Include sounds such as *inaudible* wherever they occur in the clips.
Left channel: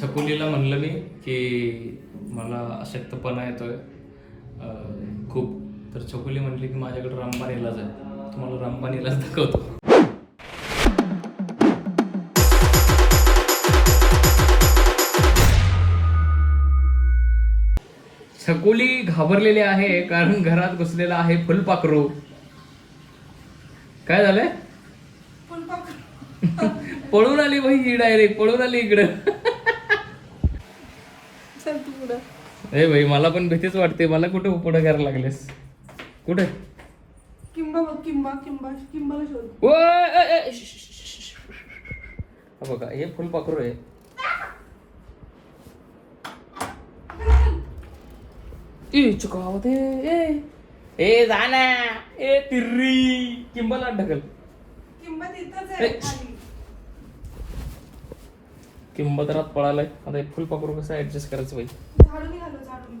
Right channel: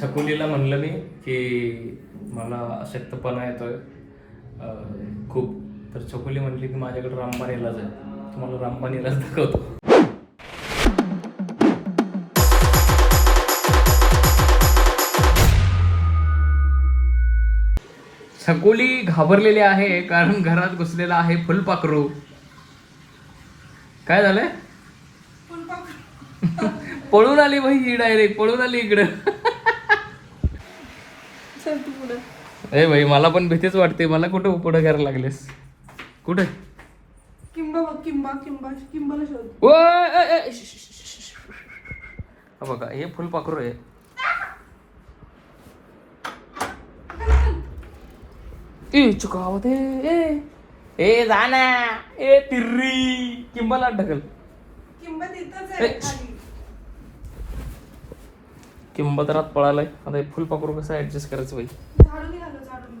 छकुलीला म्हणलं मी की मला अशक्तपणा येतोय. खूप. तर छकुली म्हणली की माझ्याकडे रामबाण इलाज आहे. तुम्हाला रामबाण इलाज दाखवतो. छकुली घाबरलेली आहे कारण घरात घुसलेला आहे फुलपाखरू. काय झालंय? *laughs* पळून आली बाई ही डायरेक्ट पळून आली इकडं. चल तू पुढे. ए भाई मला पण भीतीच वाटते. मला कुठं पुढं करायला लागलीस? कुठे? किंबा बघ किंबा किंबा किंबाला शोध. ओय, ए, ए, श, श, श, श, श. हा बघा हे फुलपाखरू आहे. ए चुकावत ए. ए जा ना. ए तिर्री. किंबाला ढकल. किंबा तिथंच ए. आहे खाली. किंबा तर आत पळालाय. आता हे फुलपाखरू कसं ऍडजस्ट करायचं झाडून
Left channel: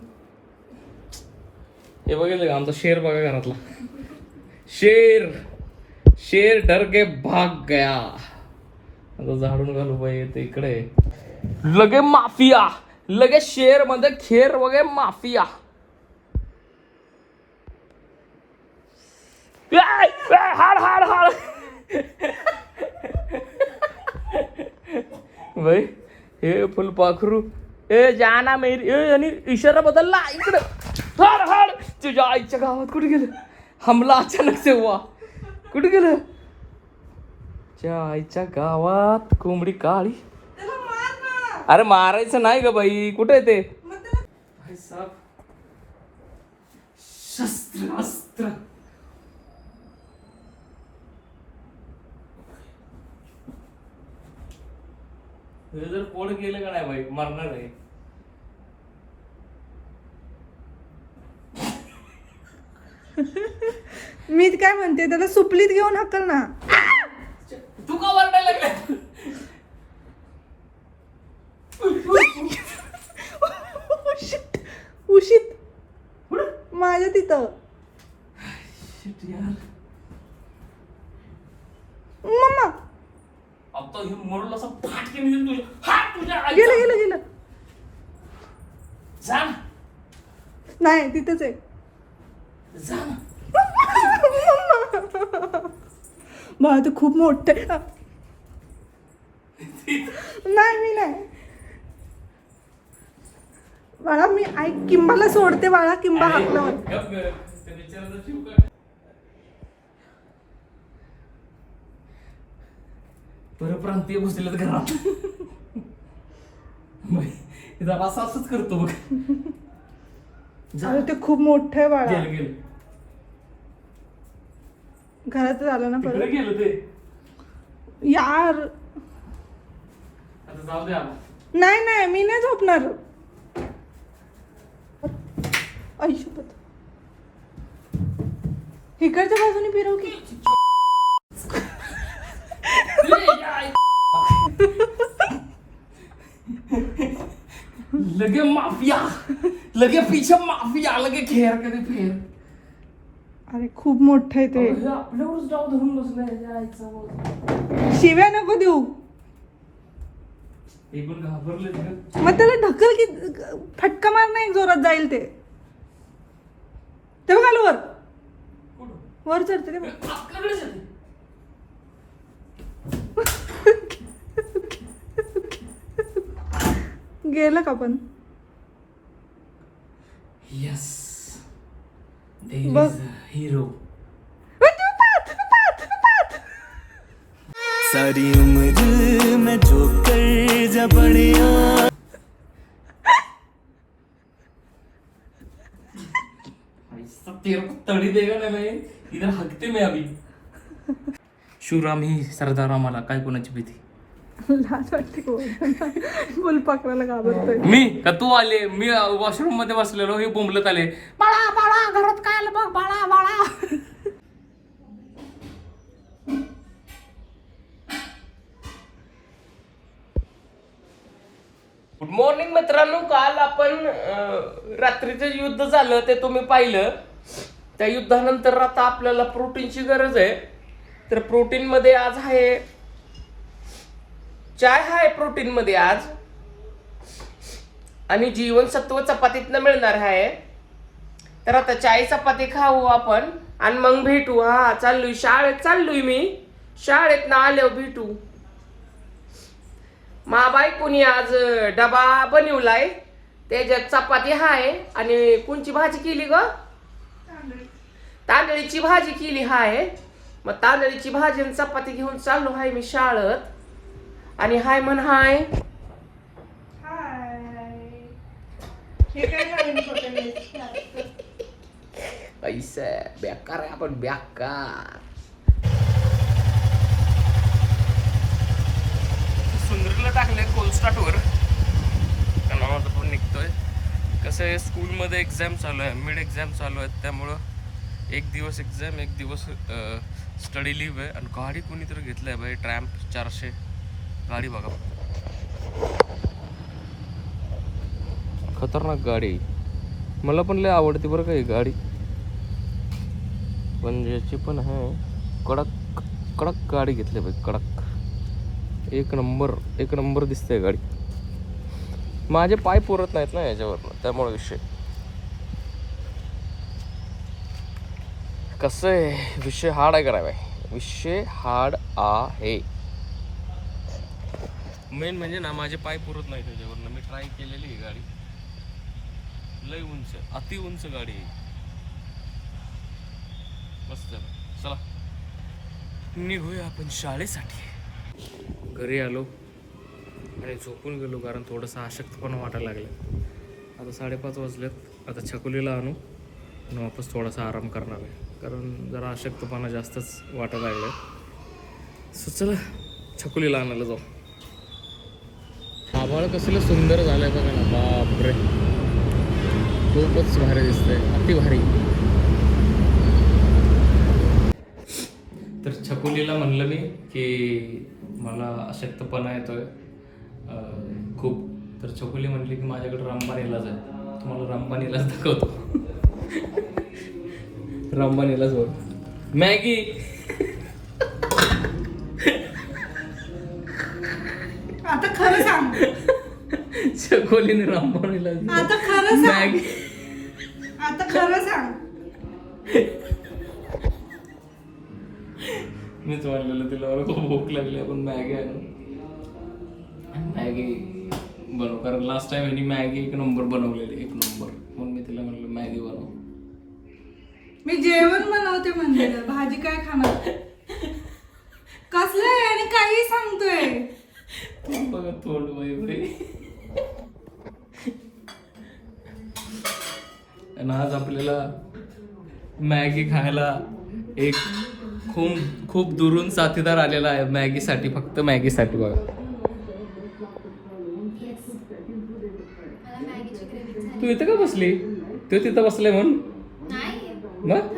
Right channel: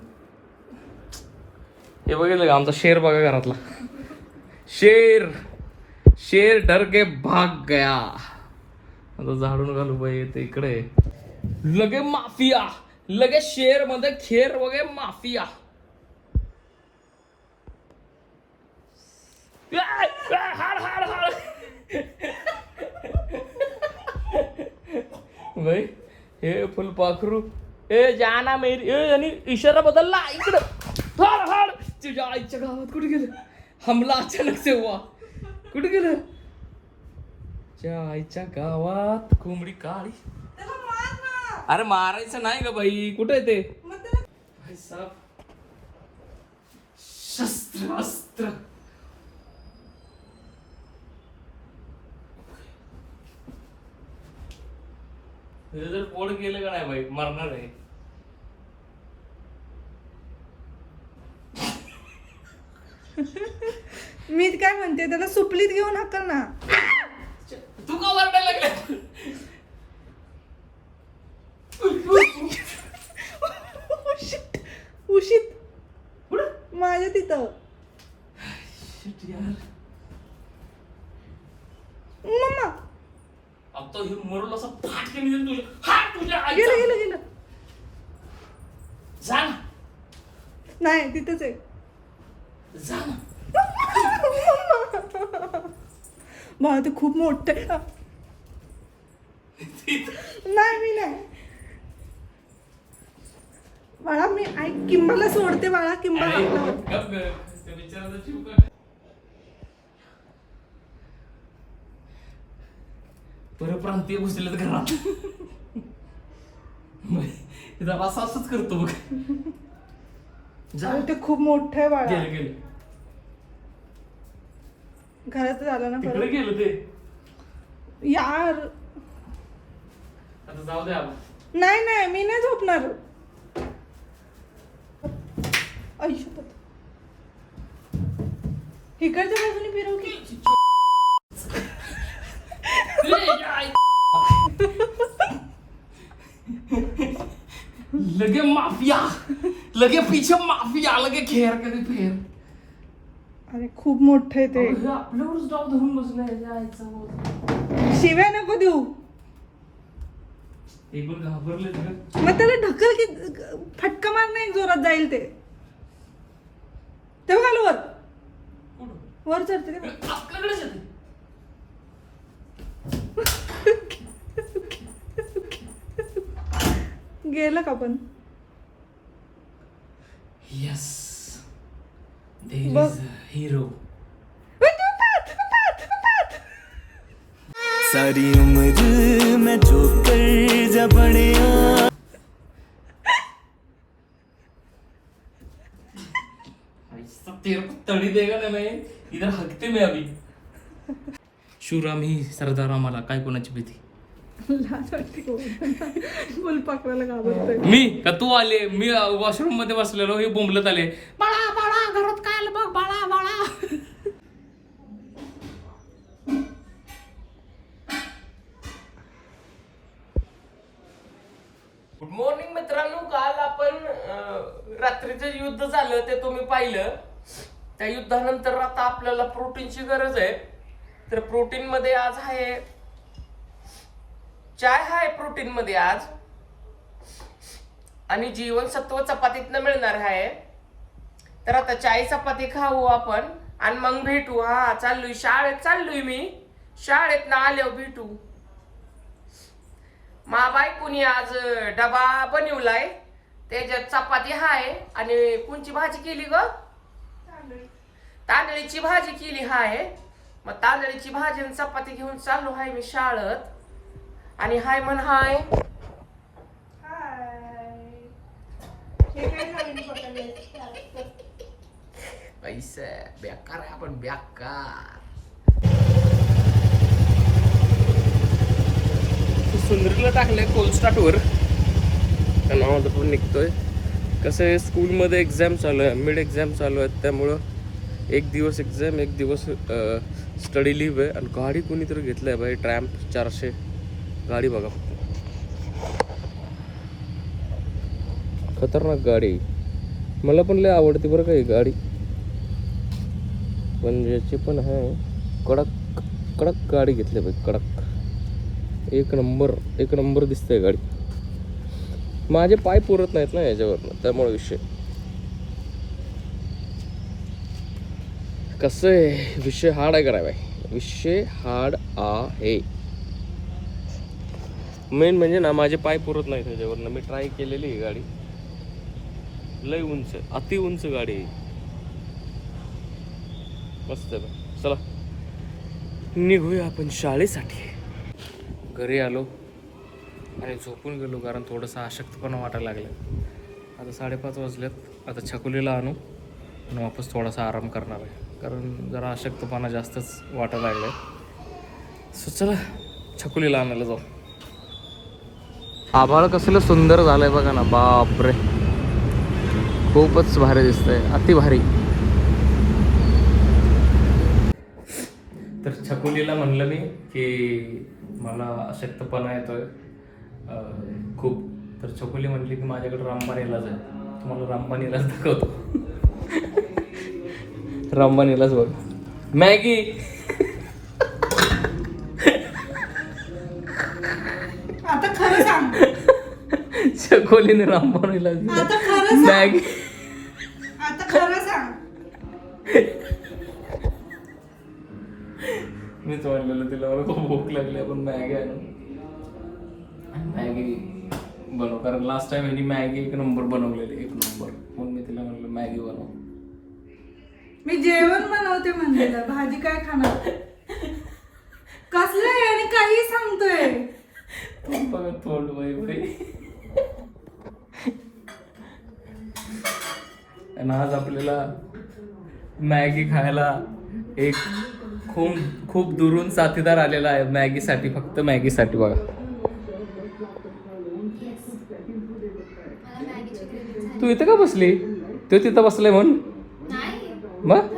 हे बघितलं का? आमचा शेर बघा घरातला. शेर शेर डर के भाग गया. आता झाडून घालू बाई ते इकडे. लगे माफिया. लगे शेरमध्ये खेर वगे माफिया. हाड हाड हाड. बाई हे फुलपाखरू ए जाना मेरी ए आणि इशारा बदलला इकडं. हाड हड. तुझ्या आईच्या गावात कुठे गेलं? हमला अचानक से हुआ. कुठे गेलं? तुझ्या आईच्या गावात कोंबडी काळी. अरे मारायचं नाही ग बाई कुठे ते? शस्त्र अस्त्र. हे जर कोण केलं का नाही भाई मरणार आहे. मी काय म्हणते त्याला सुपलीत घेऊन हाकल ना. तू का वरडायला लागला? उशीत. माझ्या तिथं. यार. आता हे मरून असं फाटके निघेल तुझ्या तुझ्या गेलं आईचा. गेलं गेलं जा ना. नाही तिथंच आहे. जा ना. मला ते खूप मोठं आहे. नाही मी नाही. बाळा मी ऐक किंबाला सोडते बाळा किंबा गप. त्या जीव काढ. परप्रांतीय घुसलेत घरात. असं असंच करतो बघ. जा अरे ते खूप मोठं आहे बाळा. गेलं गेलं. घरात झालं ना तिकडे परत. गेलं ते. यार. आता जाऊ दे आला नाही नाही मी नाही झोपणार. इकडच्या बाजूने फिरव की. लगे माफिया लगे पीछे माफिया लगे खेर कधी फेर अरे खूप मोठं आहे ते आपल्यावरच डाव धरून बसलाय. शिव्या नको देऊ हे पण घाबरले. मग त्याला ढकल की फटका मार नाही जोरात जाईल ते तेव्हा घाल वर? वर चढते ते बघ. आपल्याकडेच येते. गेलं का पण Yes. There बघ. is a hero. सारी उम्र मैं जो कर जा बड़िया ऐसा तेरे को तड़ी देगा ना मैं इधर हकते में अभी शिवराम ही सरदार आम्हाला काय कोणाची भीती लाज वाटते फुलपाखराला घाबरतोय मी? का तू आले? मी वॉशरूममध्ये बसलेलो हे बोंबलत आले. बाळा बाळा घरात काय आलं बघ बाळा बाळा. गुड मॉर्निंग मित्रांनो काल आपण रात्रीचं युद्ध झालं ते तुम्ही पाहिलं. त्या युद्धानंतर आता आपल्याला प्रोटीनची गरज आहे. तर प्रोटीन मध्ये आज आहे चाय आहे प्रोटीन मध्ये आज. आणि जीवनसत्व चपातीतनं मिळणार आहे. तर आता चाय चपाती खाऊ आपण. आणि मग भेटू हा चाललोय. शाळेत चाललोय मी. शाळेत ना आल्यावर भेटू. मा बायकोनी आज डबा बनवलाय. त्याच्यात चपाती हाय. आणि कोणची भाजी केली ग? तांदळीची भाजी केली हाय. मग तांदळीची भाजी आणि चपाती घेऊन चाललो आहे मी शाळेत. आणि हाय म्हण हाय. हे? पैसे बेकार आहे आपण बेकार. सुंदरीला टाकलंय कोलस्टाटवर कारण पण निघतोय. कसं आहे स्कूलमध्ये एक्झाम चालू आहे मिड एक्झाम चालू आहेत त्यामुळं एक दिवस एक्झाम एक दिवस स्टडी लिव्ह आहे. आणि गाडी कोणीतरी घेतलं आहे बाई ट्रॅम्प चारशे. गाडी बघा. खतरनाक गाडी. मला पण लय आवडते बरं का ही गाडी. पण याची पण आहे कडक कडक गाडी घेतली पाहिजे कडक. एक नंबर एक नंबर दिसते गाडी. माझे पाय पुरत नाहीत ना याच्यावर त्यामुळे विषय. कसं आहे विषय हार्ड आहे करा बाई? विषय हार्ड आहे. मेन म्हणजे ना माझे पाय पुरत नाही त्याच्यावरनं मी ट्राय केलेली आहे गाडी. लय उंच अति उंच गाडी आहे मस्त चला. निघूया आपण शाळेसाठी. घरी आलो आणि झोपून गेलो कारण थोडंसं अशक्तपणा वाटायला लागलं. आता साडेपाच वाजलेत. आता छकुलीला आणू आणि वापस थोडासा आराम करणार आहे. कारण जरा अशक्तपणा जास्तच वाटायला लागलं सो चला. छकुलीला आणायला जाऊ. आभाळ कसलं सुंदर झालंय बघा ना बापरे. खूपच भारी दिसतंय अति भारी. तर छकुलीला म्हणलं मी की मला अशक्तपणा येतोय. खूप. तर छकुली म्हणली की माझ्याकडे रामबाण इलाज आहे. तुम्हाला रामबाण इलाज दाखवतो. *laughs* रामबाण इलाज बघ. मॅगी! इलाज दिला. आता खरं सांग. मॅगी. आता खरं सांग. मीच म्हणलेलं तिला मला खूप भूक लागली आपण मॅगी आणू. मॅगी बनव कारण लास्ट टाइम हिने मॅगी एक नंबर बनवलेली एक नंबर म्हणून मी तिला म्हणलं मॅगी बनव. मी जेवण बनवते म्हणलेलं भाजी काय खाणार? कसलं आहे आणि काही सांगतोय? तोंड बघा तोंड बाई बाई आणि आज आपल्याला मॅगी खायला एक खूप खूप दुरून साथीदार आलेला आहे मॅगीसाठी फक्त मॅगीसाठी बघा. तू इथं का बसली? तू तिथं बसले म्हणून? मग?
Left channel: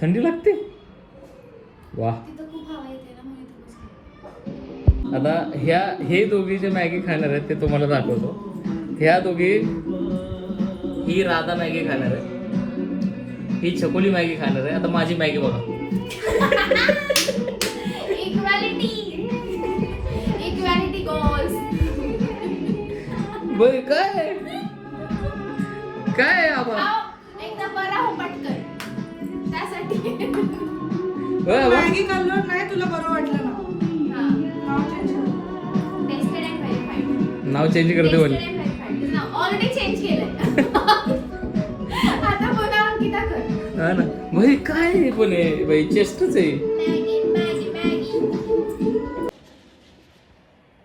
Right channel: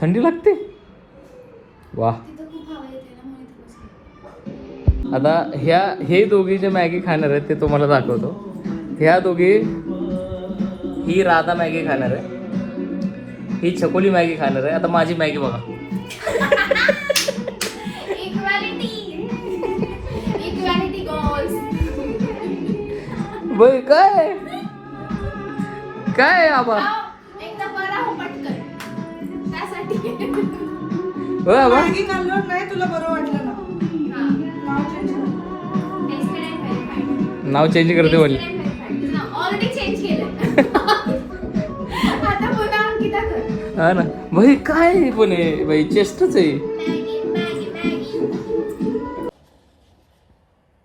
थंडी लागते? वा आता ह्या हे दोघी जे मॅगी खाणार आहेत ते तुम्हाला दाखवतो. ह्या दोघी ही राधा मॅगी खाणार आहे. ही छकोली मॅगी खाणार आहे. आता माझी मॅगी बघा. इक्वॅलिटी इक्वॅलिटी गोल्स बघ काय? काय आबा एकदा बरा हो पटकन. त्यासाठी. बघ आबा. मॅगी खाल्लं नाही तुला बरं वाटलं ना. नाव change कर. Tested and verified. नाव चेंज करते बोल. हा ना. भाई काय पण आहे भाई चेस्टच आहे.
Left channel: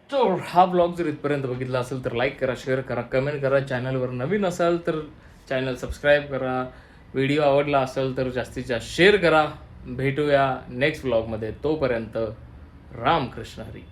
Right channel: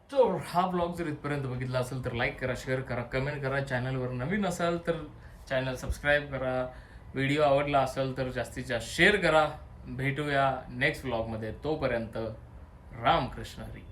तो हा ब्लॉग जर इथपर्यंत बघितला असेल तर लाईक करा शेअर करा कमेंट करा. चॅनलवर नवीन असाल तर चॅनल सबस्क्राईब करा. व्हिडिओ आवडला असेल तर जास्तीत जास्त शेअर करा. भेटूया नेक्स्ट ब्लॉगमध्ये तोपर्यंत रामकृष्ण हरी.